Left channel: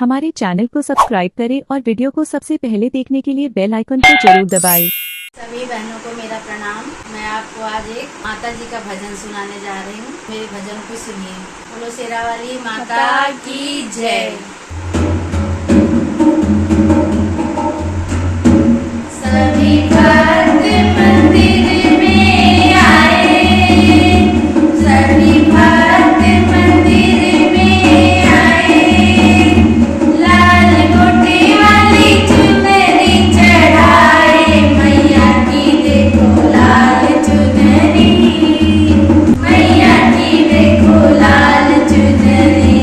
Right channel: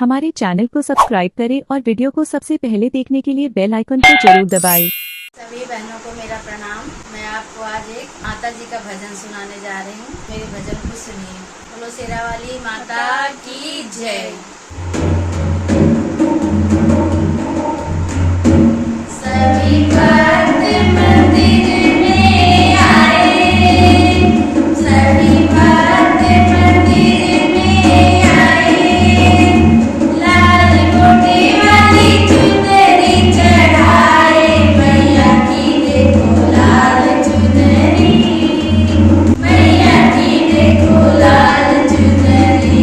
हमारे चैनल को सब्सक्राइब करें और वीडियो को सबसे पहले देखने के लिए बेल आइकन को जरूर दबाएं। सभी बहनों को मेरा प्रणाम। मैं आपको आज एक माता जी का भजन सुनाने जा रही हूँ। मेरे भजन को सुनिए। बोलो शेरा वाली माता की जय। सभी भक्त मंदिर में आए, सभी भक्त मंदिर में आए, लाल गोटे वाली चुनरी चढ़ाए, मैया की देखो लाल चुनरी, मैया की देखो लाल चुनरी।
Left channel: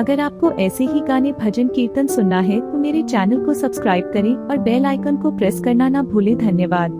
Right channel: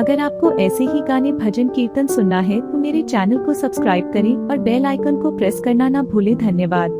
अगर आपको ऐसे ही गाने भजन कीर्तन सुनना है तो मेरे चैनल को सब्सक्राइब करें और बेल आइकन को प्रेस करना ना भूलें। धन्यवाद।